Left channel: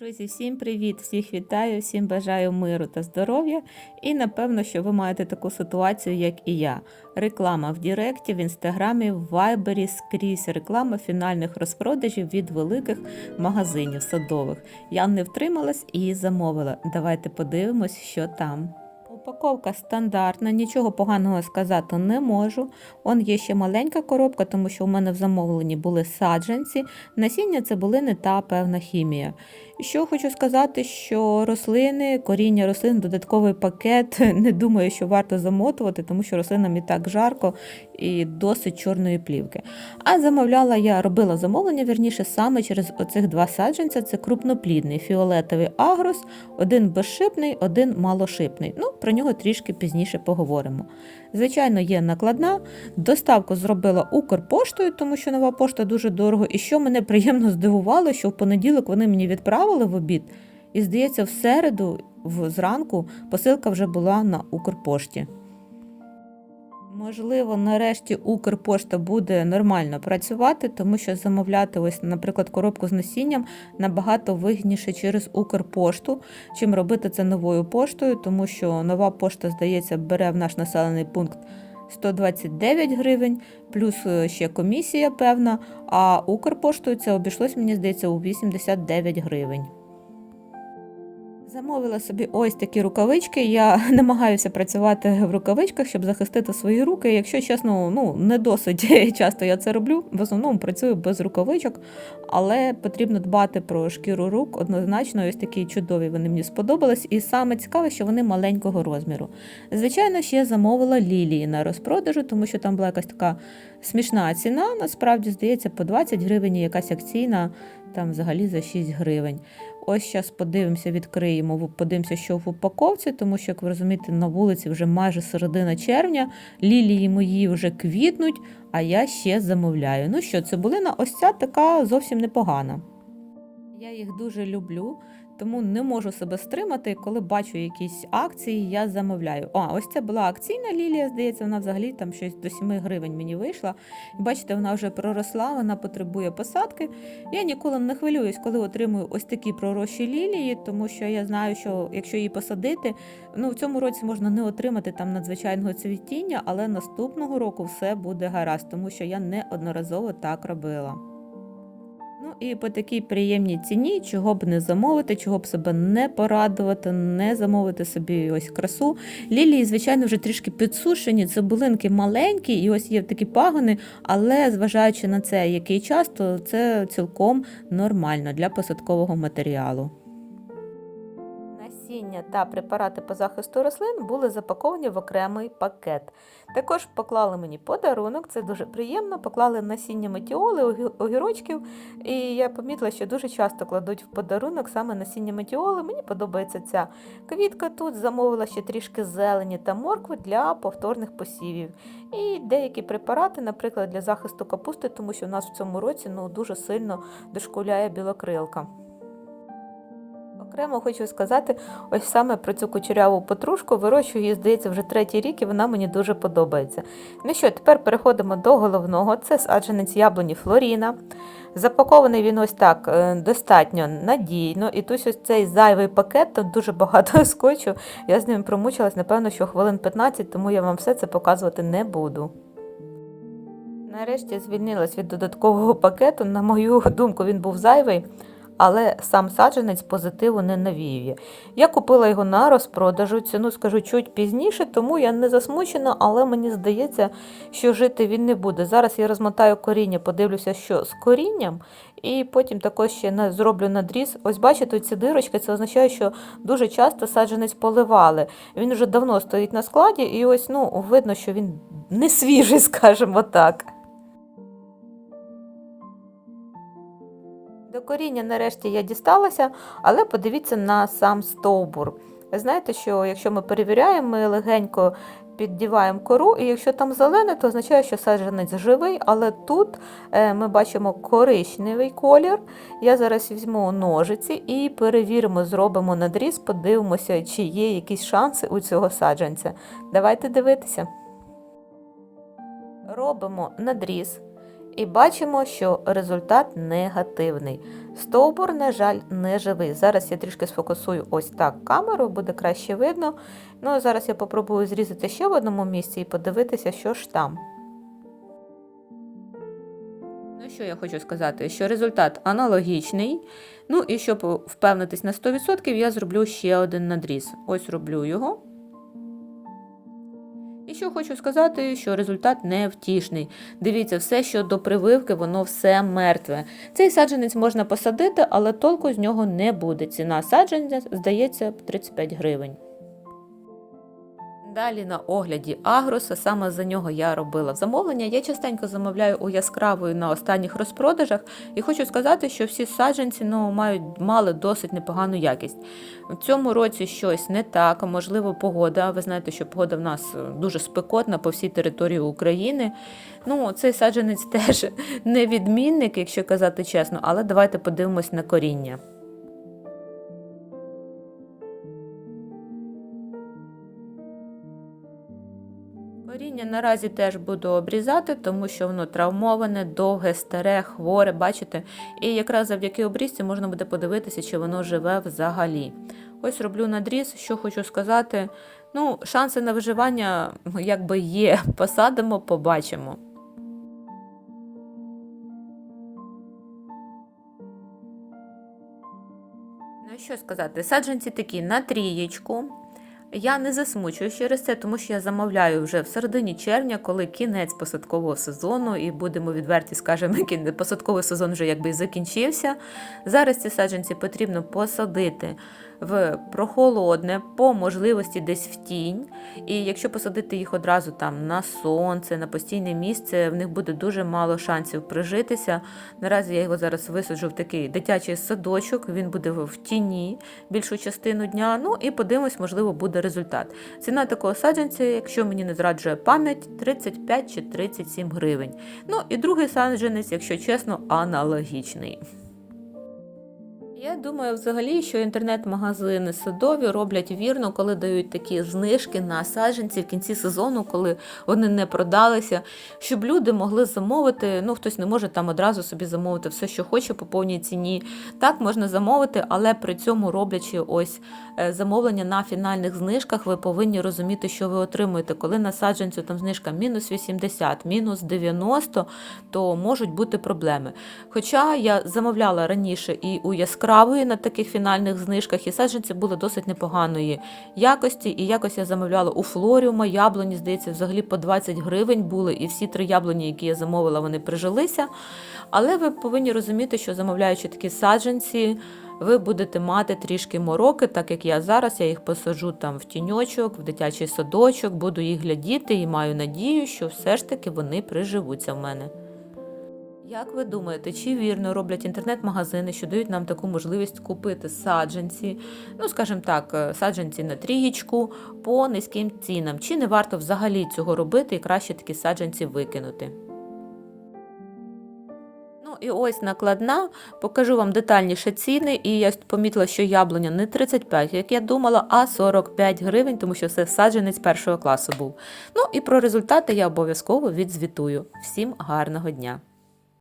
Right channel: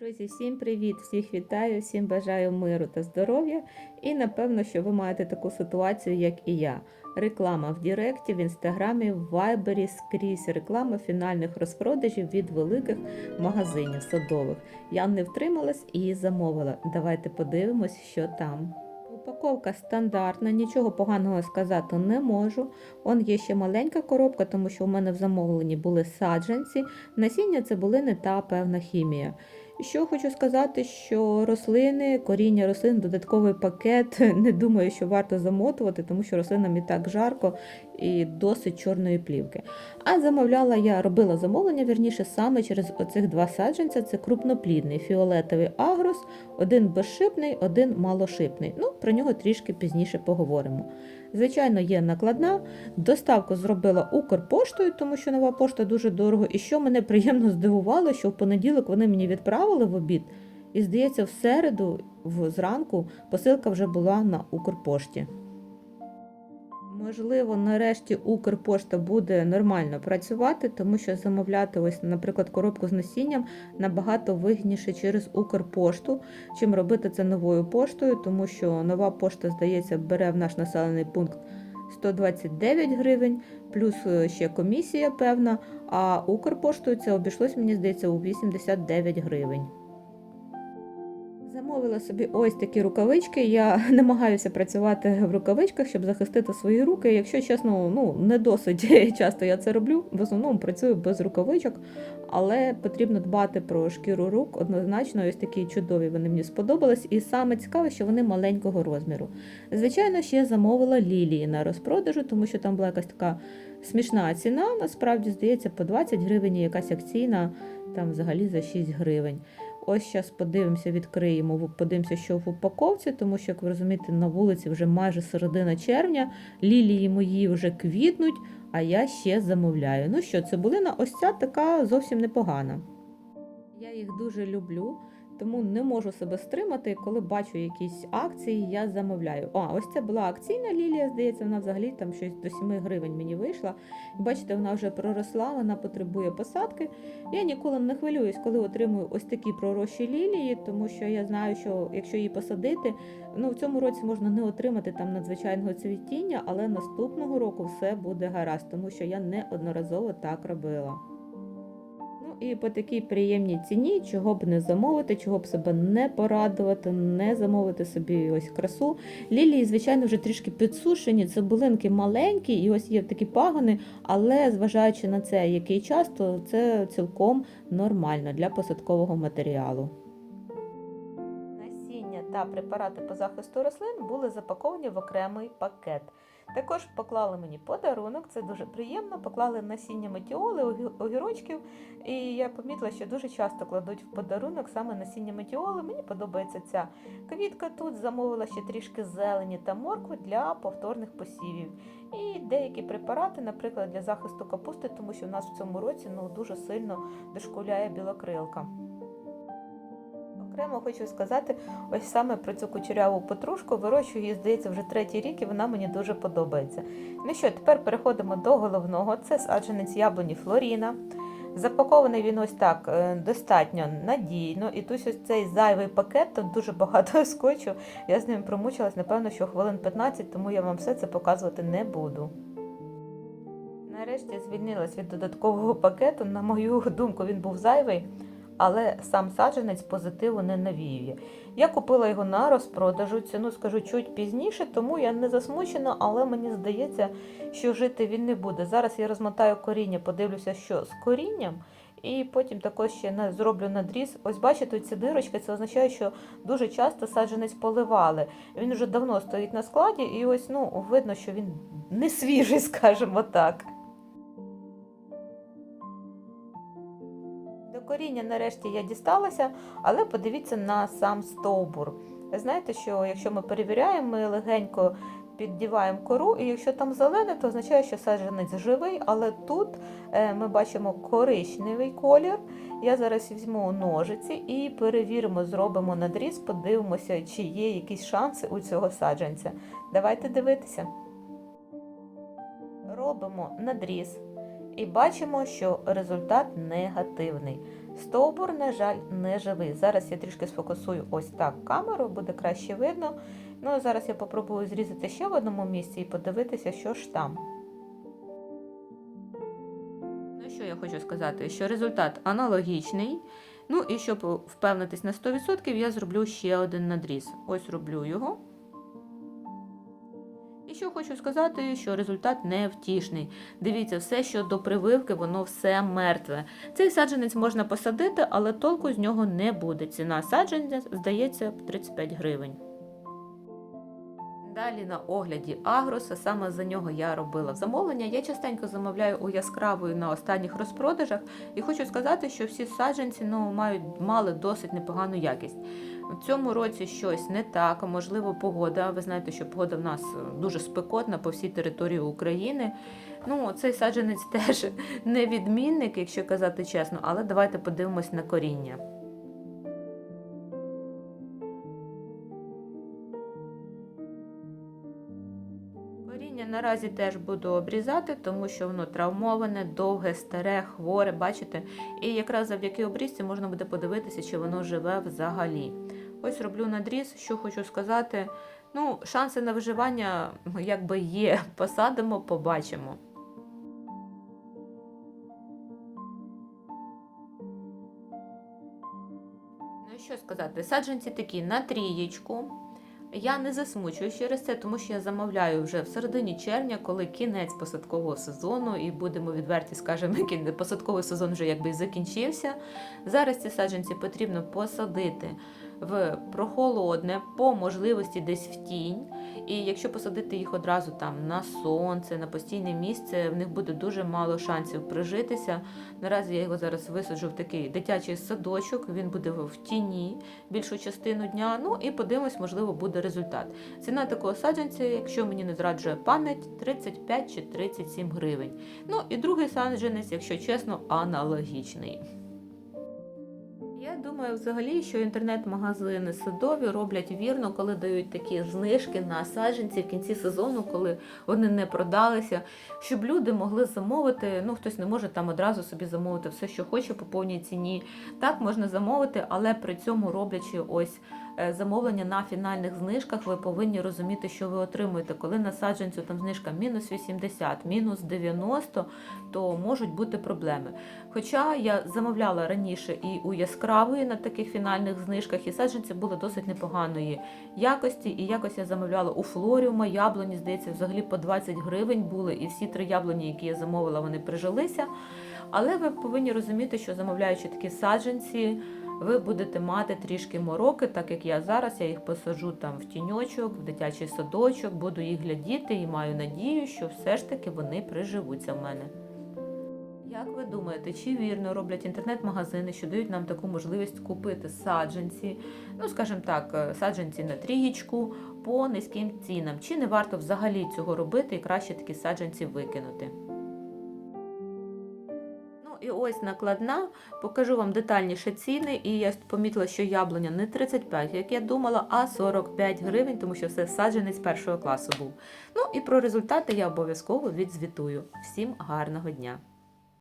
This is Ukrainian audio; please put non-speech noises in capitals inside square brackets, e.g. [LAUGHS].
Друзі, всім привіт! Всіх вітаю, всім бажаю миру та здоров'я. І напевно, що ви маєте таку ситуацію, як і я. Реклама в Діректі, в інстаграмі, в Вайбері скрізь реклама фінальних розпродажів від великих магазинів садових. Я не втрималась і замовила. Давайте подивимось, що там. Упаковка стандартна, нічого поганого сказати не можу. Он є ще маленька коробка, тому що у мене в замовленні були саджанці. Насіння цибулини та певна хімія. Що хочу сказати, що рослини, коріння рослин, додатковий пакет. [LAUGHS] Не думаю, що варто замотувати, тому що рослинам і так жарко і досить чорної плівки. А замовляла я, робила замовлення вірніше саме через оцих два саджанця. Це крупноплідний фіолетовий агрос, один безшипний, один малошипний. Ну, про нього трішки пізніше поговоримо. Звичайно, є накладна. Доставку зробила Укрпоштою, тому що нова пошта дуже дорого. І що мене приємно здивувало, що в понеділок вони мені відправили в обід, і здається, в середу, зранку, посилка вже була на Укрпошті. Можливо, нарешті Укрпошта буде нормально працювати, тому що замовляти, ось, наприклад, коробку з насінням набагато вигідніше через Укрпошту, чим робити це новою поштою, тому що нова пошта, здається, бере в наш населений пункт 129 гривень, плюс е, ще комісія певна, а Укрпоштою це обійшлось, мені здається, у 89 гривень. Замовила собі ось такі рукавички. Я [LAUGHS] намагаюся працювати в рукавичках, щоб захистити свої руки. Якщо чесно, ну не досить [LAUGHS] часто я це роблю. В основному працюю без рукавичок, але потрібно дбати про шкіру рук. Однозначно, ось такі чудові вони мені сподобались. І саме цікаве, що вони маленького розміру. Звичайно, ще замовила лілії на розпродажу, тому що там була якась така смішна ціна. Насправді здається, по 20 гривень, якась акційна там взагалі за 6 гривень. Ось зараз подивимося, відкриємо, подивимося, що в упаковці, тому що, як ви розумієте, на вулиці вже майже середина червня, лілії мої вже квітнуть, а я ще замовляю. Ну що, цибулина ось ця така зовсім непогана. Я їх дуже люблю, тому не можу себе стримати. Коли бачу якісь акції, я замовляю. А, ось це була акційна лілія, здається, вона взагалі там щось до 7 гривень мені вийшла. Бачите, вона вже проросла, вона потребує посадки. Я ніколи не хвилююсь, коли отримую ось такі пророщі лілії, тому що я знаю, що якщо її посадити, ну в цьому році можна не отримати там надзвичайного цвітіння, але наступного року все буде гаразд, тому що я неодноразово так робила. І по такій приємній ціні, чого б не замовити, чого б себе не порадувати, не замовити собі ось красу. Лілії, звичайно, вже трішки підсушені, цибулинки маленькі, і ось є такі пагони, але зважаючи на це, який час, то це цілком нормально для посадкового матеріалу. Та препарати по захисту рослин були запаковані в окремий пакет. Також поклали мені подарунок, це дуже приємно. Поклали насіння метіоли, огірочків. І я помітила, що дуже часто кладуть в подарунок саме насіння метіоли. Мені подобається ця квітка тут. Замовила ще трішки зелені та моркви для повторних посівів. І деякі препарати, наприклад, для захисту капусти, тому що в нас в цьому році ну, дуже сильно дошкуляє білокрилка. Окремо хочу сказати, ось саме про цю кучеряву петрушку вирощую її, здається, вже третій рік, і вона мені дуже подобається. Ну що, тепер переходимо до головного. Це саджанець яблуні Флоріна. Запакований він ось так е, достатньо надійно. І тут ось цей зайвий пакет, там дуже багато [LAUGHS] скотчу. Я з ним промучилась, напевно, що хвилин 15, тому я вам все це показувати не буду. Нарешті звільнилась від додаткового пакету. На мою думку, він був зайвий, але сам саджанець позитиву не навіює. Я купила його на розпродажу, ціну скажу чуть пізніше, тому я не засмучена, але мені здається, що жити він не буде. Зараз я розмотаю коріння, подивлюся, що з корінням, і потім також ще зроблю надріз. Ось бачите, ці дирочки, це означає, що дуже часто саджанець поливали. Він вже давно стоїть на складі, і ось ну, видно, що він не свіжий, [LAUGHS] скажімо так. Коріння нарешті я дісталася, але подивіться на сам стовбур. Ви знаєте, що якщо ми перевіряємо, ми легенько піддіваємо кору, і якщо там зелене, то означає, що саджанець живий, але тут е, ми бачимо коричневий колір. Я зараз візьму ножиці і перевіримо, зробимо надріз, подивимося, чи є якісь шанси у цього саджанця. Давайте дивитися. Робимо надріз. І бачимо, що результат негативний. Стовбур, на жаль, не живий. Зараз я трішки сфокусую ось так камеру, буде краще видно. Ну, а зараз я попробую зрізати ще в одному місці і подивитися, що ж там. Ну, що я хочу сказати, що результат аналогічний. Ну і щоб впевнитись на 100%, я зроблю ще один надріз. Ось роблю його. Що хочу сказати, що результат невтішний. Дивіться, все, що до прививки, воно все мертве. Цей саджанець можна посадити, але толку з нього не буде. Ціна саджанця, здається, 35 гривень. Далі на огляді Агроса, саме за нього я робила замовлення. Я частенько замовляю у яскравої на останніх розпродажах, і хочу сказати, що всі саджанці ну, мають мали досить непогану якість. В цьому році щось не так, можливо, погода. Ви знаєте, що погода в нас дуже спекотна по всій території України. Ну, цей саджанець [LAUGHS] теж не відмінник, якщо казати чесно, але давайте подивимось на коріння. Наразі теж буду обрізати, тому що воно травмоване, довге, старе, хворе, бачите? І якраз завдяки обрізці можна буде подивитися, чи воно живе взагалі. Ось роблю надріз, що хочу сказати. Ну, шанси на виживання якби є. [LAUGHS] Посадимо, побачимо. Ну, що сказати, саджанці такі на трієчку. Я не засмучую через це, тому що я замовляю вже в середині червня, коли кінець посадкового сезону, і будемо відверті, скажемо, [LAUGHS] посадковий сезон вже якби закінчився. Зараз ці саджанці потрібно посадити в прохолодне, по можливості десь в тінь. І якщо посадити їх одразу там на сонце, на постійне місце, в них буде дуже мало шансів прижитися. Наразі я його зараз висаджу в такий дитячий садочок, він буде в тіні більшу частину дня. Ну і подивимось, можливо, буде результат. Ціна такого саджанця, якщо мені не зраджує пам'ять, 35 чи 37 гривень. Ну і другий саджанець, якщо чесно, аналогічний. Я думаю, взагалі, що інтернет-магазини садові роблять вірно, коли дають такі знижки на саджанці в кінці сезону, коли вони не продалися, щоб люди могли замовити. Ну, хтось не може там одразу собі замовити все, що хоче по повній ціні. Так можна замовити, але при цьому роблячи ось е, замовлення на фінальних знижках, ви повинні розуміти, що ви отримуєте. Коли на саджанцю там знижка мінус 80, мінус 90, то можуть бути проблеми. Хоча я замовляла раніше і у яскравої на таких фінальних знижках, і саджанці були досить непоганої якості. І якось я замовляла у флоріума, яблуні, здається, взагалі по 20 гривень були, і всі три яблуні, які я замовила, вони прижилися. Але ви повинні розуміти, що замовляючи такі саджанці, ви будете мати трішки мороки, так як я зараз, я їх посаджу там в тіньочок, в дитячий садочок, буду їх глядіти і маю надію, що все ж таки вони приживуться в мене. Як ви думаєте, чи вірно роблять інтернет-магазини, що дають нам таку можливість купити саджанці, ну скажімо так, е, саджанці на трієчку по низьким цінам? Чи не варто взагалі цього робити і краще такі саджанці викинути? Ну і ось накладна. Покажу вам детальніше ціни. І я помітила, що яблуня не 35, як я думала, а 45 гривень, тому що це саджанець першого класу був. Ну і про результати я обов'язково відзвітую. Всім гарного дня!